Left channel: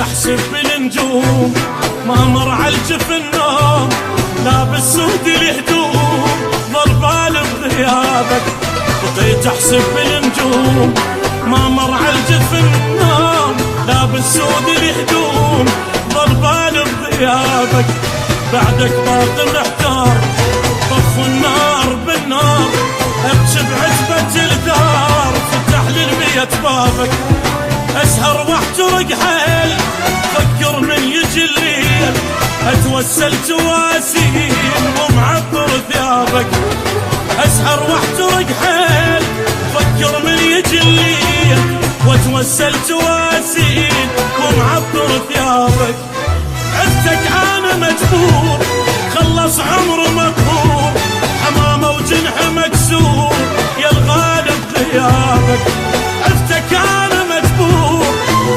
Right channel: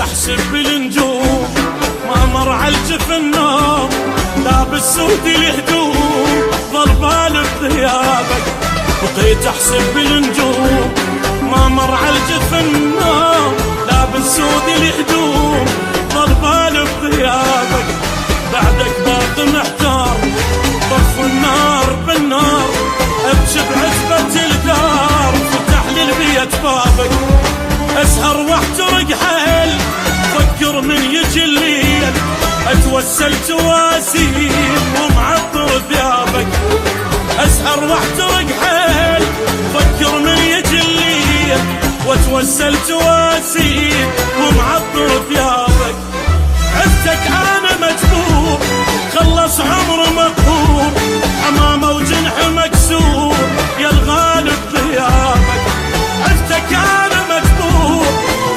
احسب بالنجوم ما مر على الجفن نوم، لابس سود الهدوم ظل بالي بغيابك. بقيت احسب بالنجوم ما مر على الجفن نوم، لابس سود الهدوم ظل بالي بغيابك. بعدك باقي محتار طف النار بالنار، ابكي بعتبة الدار فتح لي البيت بابك. اسهر واحترق حيل فكر من يجي الليل، اتوسل تواسيل ومعطر ثيابك. اسهر واحترق حيل فكر من يجي الليل، واتوسل تواسيل ومعطر ثيابك. عدتك انا مجبور خلص عمر مقهور، حمامه وجنح مكسور يا الغالب غيابك. عدتك انا مجبور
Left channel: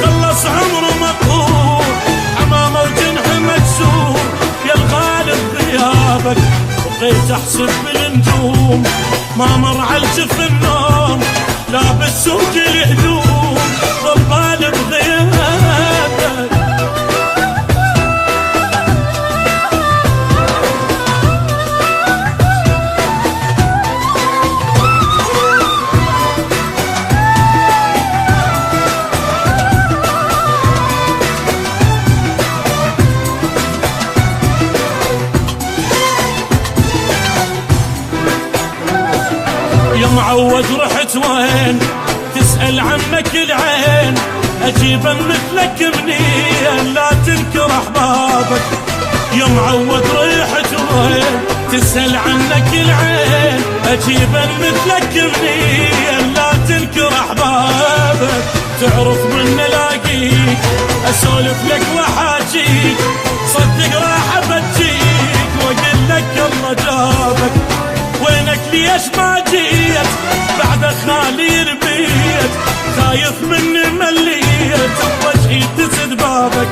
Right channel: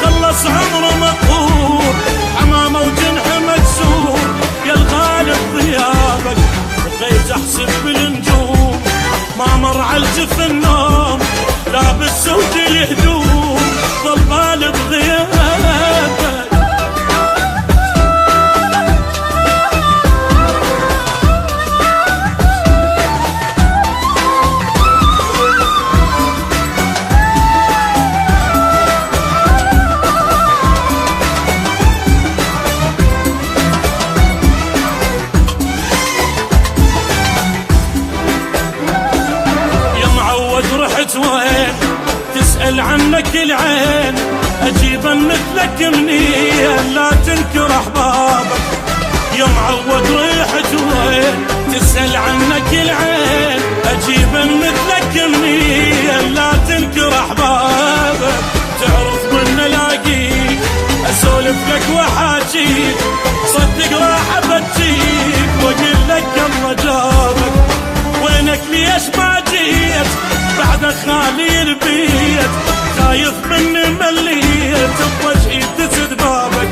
خلص عمر مقهور، حمامه وجنح مكسور يا الغالب غيابك. بقيت احسب بالنجوم ما مر على الجفن نوم، لابس سود الهدوم ظل بالي بغيابك. معود رحت وين تسأل عنك العين، أجيبا مثلك منين لا تنكر أحبابك. يا معود رحت وين تسأل عنك العين، أجيبا مثلك منين لا تنكر أحبابك. تعرف من الاقيك أسولف لك وحاجيك، صدق راح أبجيك وأقول لك الله جابك. وينك ليش ما جيت بعد خالي البيت، خايف مني مليت بوجهي تسد بابك.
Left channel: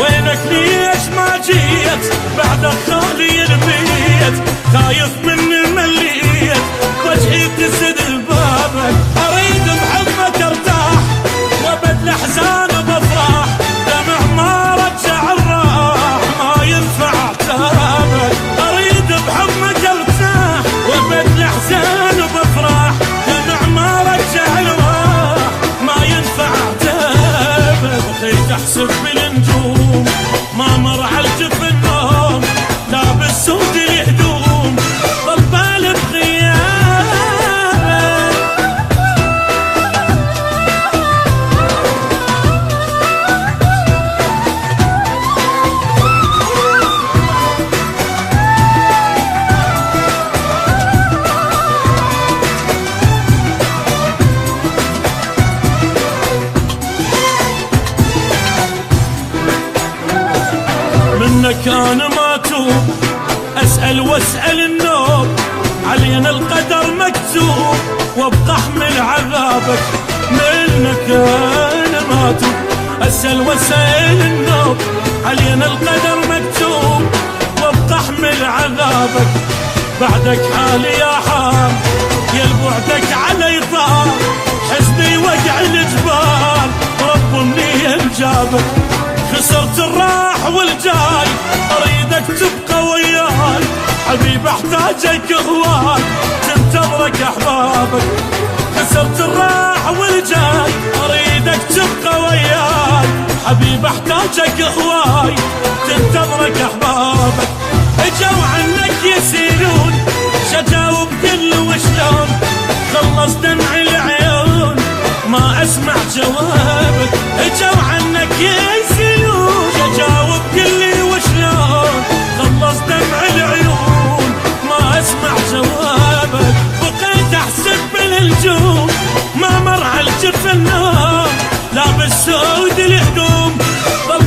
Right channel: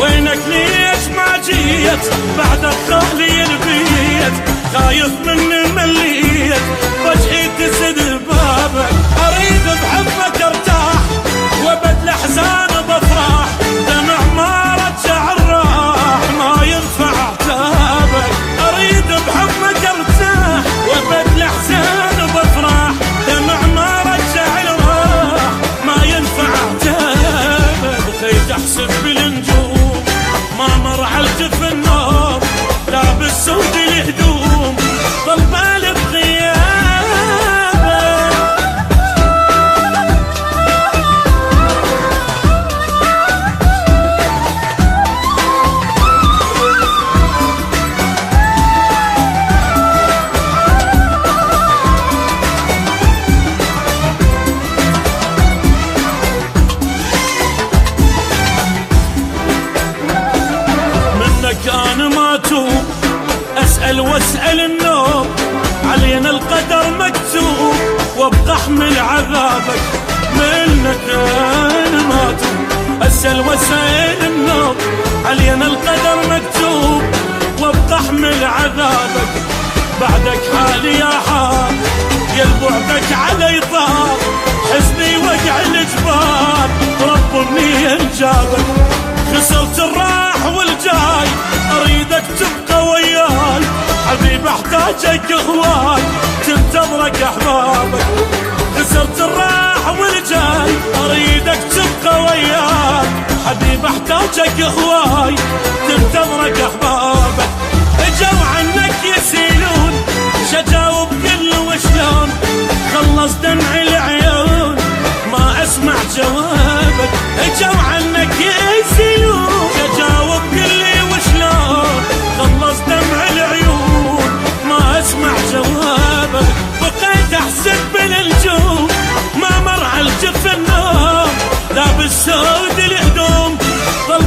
وينك ليش ما جيت بعد خالي البيت، خايف مني مليت بوجهي تسد بابك. اريد بحبك ارتاح وابد الاحزان بفرح، دمع ما رجع الراح ما ينفع عتابك. اريد بحبك ارتاح وابد الاحزان بفرح، دمع ما رجع الراح ما ينفع عتابك. بقيت احسب بالنجوم ما مر على الجفن نوم، لابس سود الهدوم ظل بالي بغيابك. منك انا ما توب اسأل واسأل النوب، علينا القدر مكتوب وابقى احمل عذابك. منك انا ما توب اسأل واسأل النوب، علينا القدر مكتوب وابقى احمل عذابك. بعدك حالي يا حال يا البعدك علي طال، حزني وقع الجبال رب منين جابك. خسرت الراح والجاي اريدك تبقى وياي، حبيب احتاجك هواي تنتظرك احبابك. خسرت الراح والجاي اريدك تبقى وياي، حبيب احتاجك هواي تنتظرك احبابك. اجوا عنك يسيلون شجاوب كل وشلون، خلص دمع العيون ما اسمع جوابك. اجوا عنك يسيلون شجاوب كل وشلون، خلص دمع العيون ما اسمع جوابك. بقيت احسب بالنجوم ما مر على الجفن نوم، لابس سود الهدوم ظل